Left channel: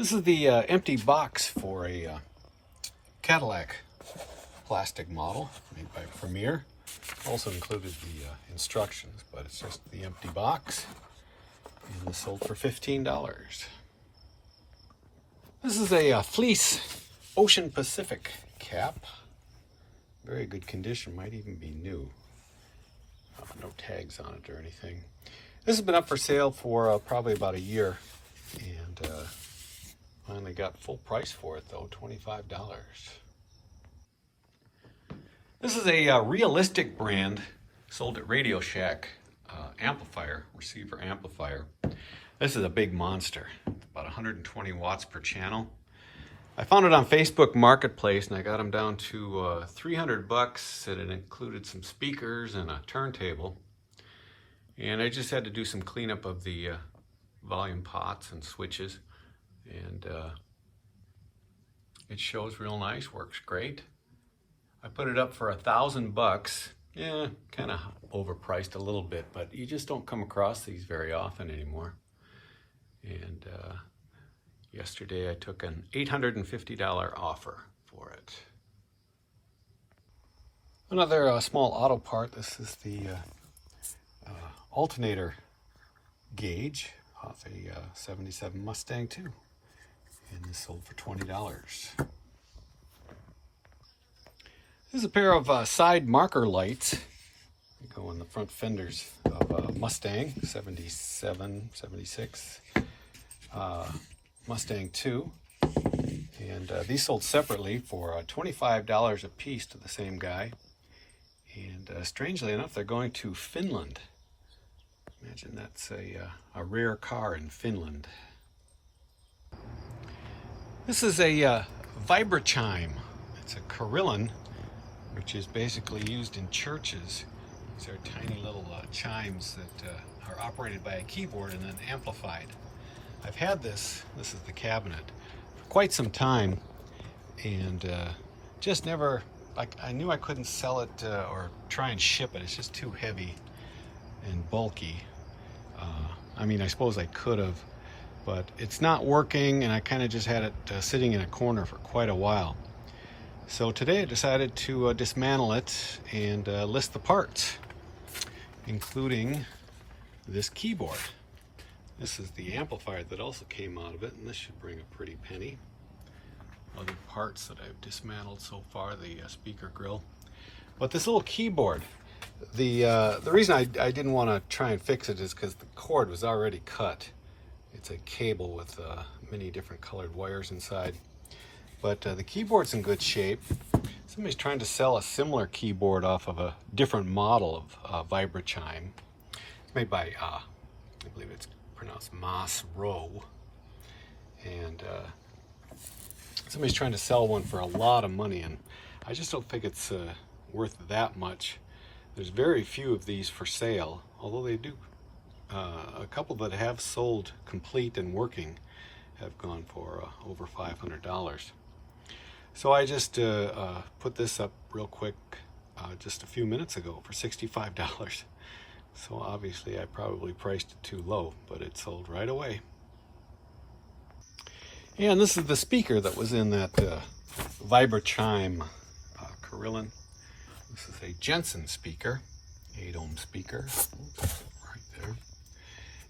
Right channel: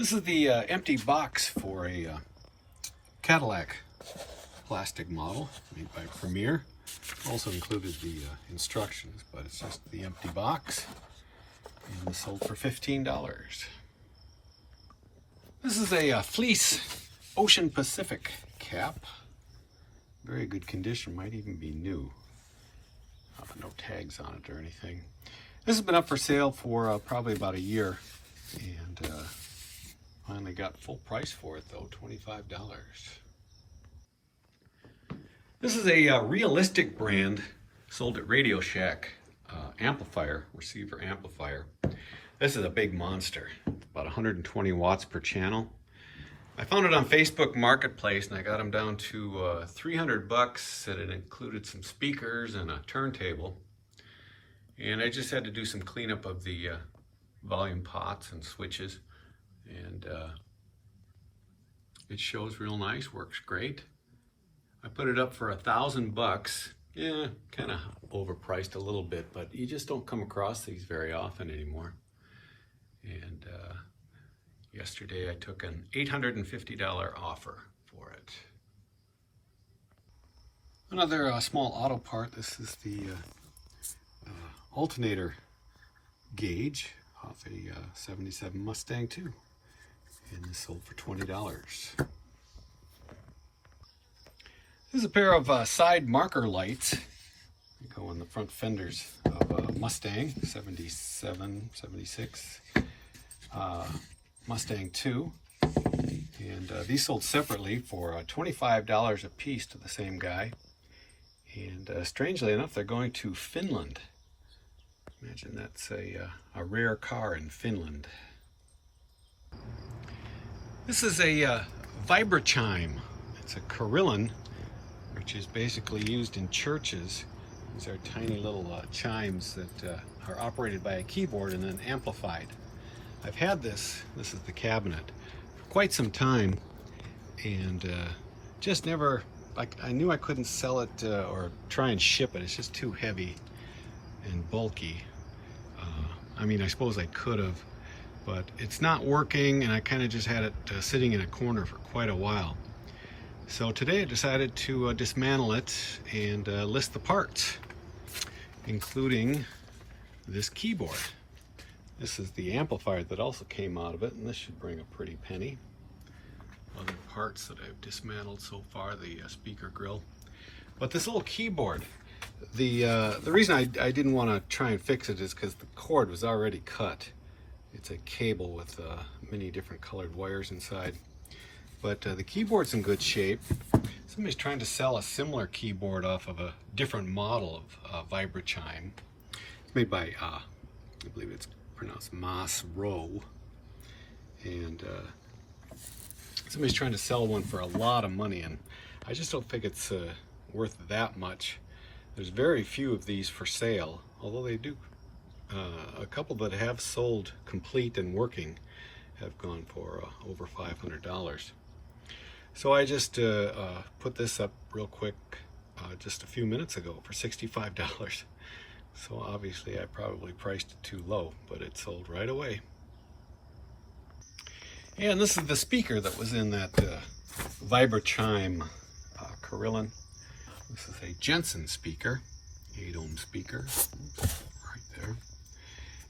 This is the empty box for a Cadillac plastic model made by Premier. Also included the instructions, but it's just the empty box, and this sold for $15. This is a fleece Ocean Pacific cap. Very good condition, might even be new. No tags on it or anything. This has been up for sale for probably about a year, and finally got full price for it though, $25. This is a realistic brand sold at Radio Shack receiver amplifier. This is a big monster, about 120 watts per channel. I found it on Facebook Marketplace and I got them down to 300 bucks, and it included some speakers and a turntable. And I just had to do some cleanup of the volume pots and switches, and it shows real nice, works great. I put it up for 1,000 bucks. Yeah, kind of overpriced a little bit, but you just don't come across these very often anymore. And yesterday I took an $850 offer for it. Another small auto part. This is the alternator gauge off a 77 Mustang 2, and this sold for $20. This is a pair of side marker lights. They go on the front fenders of a Mustang 77, 76, Mustang 2, and these sold separately for $25 a piece to the same guy. And strangely enough, they're going to Finland. Imagine that's a rare car in Finland. This is a Vibrachime. It's a carillon, which is basically used in churches. These are tiny little chimes that are operated by a keyboard and then amplified. I've had this is the cabinet, for quite some time, and just never, I knew I couldn't sell it or try and ship it. It's just too heavy and bulky. I mean, I suppose I could have, but it's not working, and I kind of just had it sitting in a corner for quite a while. So today I decided to dismantle it and list the parts, including this keyboard. This is the amplifier that also came out of it, and this should bring a pretty penny. Other parts that I've dismantled so far, the speaker grill. But this little keyboard, the reason I didn't want to try and fix it is because the cord was already cut. It's a cable with many different colored wires inside. But the keyboard's in good shape. Somebody's trying to sell a similar keyboard off of a different model of Vibrachime. It's made by, I believe it's pronounced Moss Row. And somebody's trying to sell one for a lot of money, and I just don't think it's worth that much. There's very few of these for sale, although they do. A couple that have sold complete and working have gone for over $500. So I just put this up real quick just a few minutes ago for $65. So obviously I probably priced it too low, but it sold right away. And this is the speaker that was in that Vibrachime carillon. This is a Jensen speaker, 8-ohm speaker, right there.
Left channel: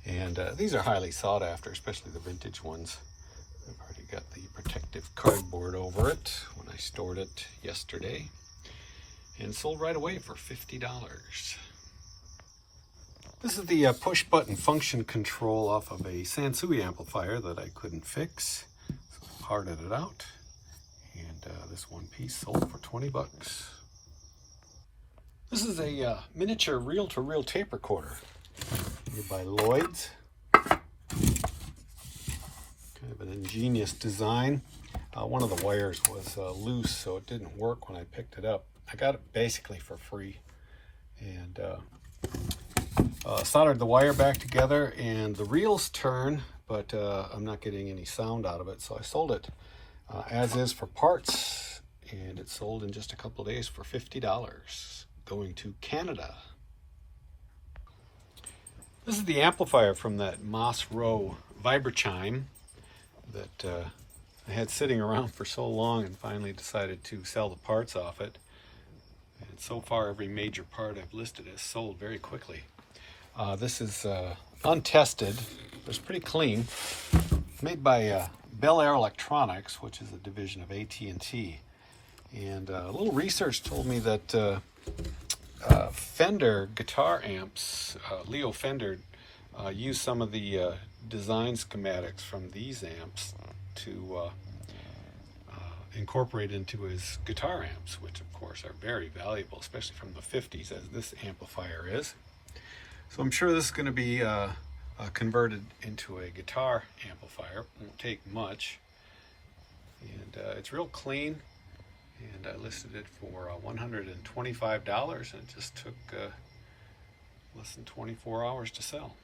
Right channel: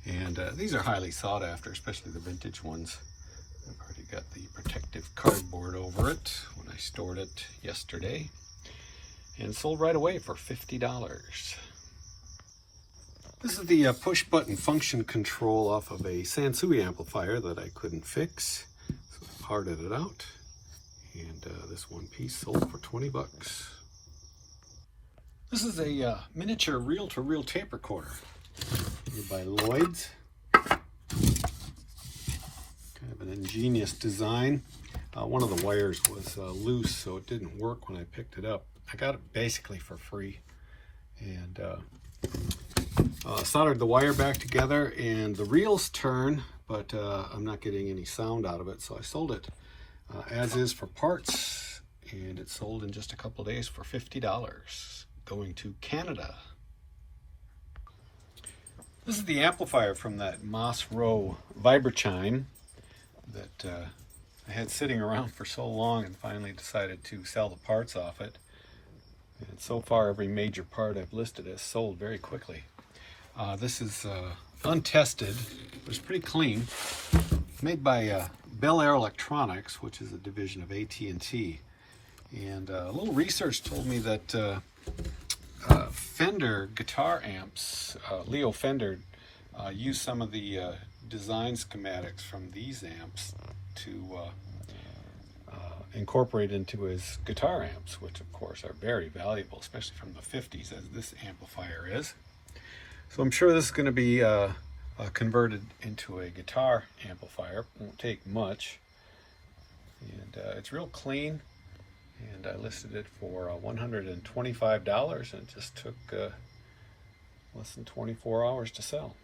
And these are highly sought after, especially the vintage ones. I've already got the protective cardboard over it when I stored it yesterday, and sold right away for $50. This is the push button function control off of a Sansui amplifier that I couldn't fix, so I parted it out, and this one piece sold for 20 bucks. This is a miniature reel-to-reel tape recorder made by Lloyd's. Kind of an ingenious design. One of the wires was loose, so it didn't work when I picked it up. I got it basically for free, and soldered the wire back together, and the reels turn, but I'm not getting any sound out of it, so I sold it as is for parts, and it sold in just a couple of days for $50, going to Canada. This is the amplifier from that Moss Row Vibrachime. that I had sitting around for so long, and finally decided to sell the parts off it. And so far, every major part I've listed has sold very quickly. This is untested, but it's pretty clean. Made by Bel Air Electronics, which is a division of AT&T. And a little research told me that Fender guitar amps, Leo Fender, used some of the design schematics from these amps to incorporate into his guitar amps, which of course are very valuable, especially from the 50s, as this amplifier is. So I'm sure this is going to be converted into a guitar amplifier. Won't take much. And it's real clean. And I listed it for $125, and it just took less than 24 hours to sell.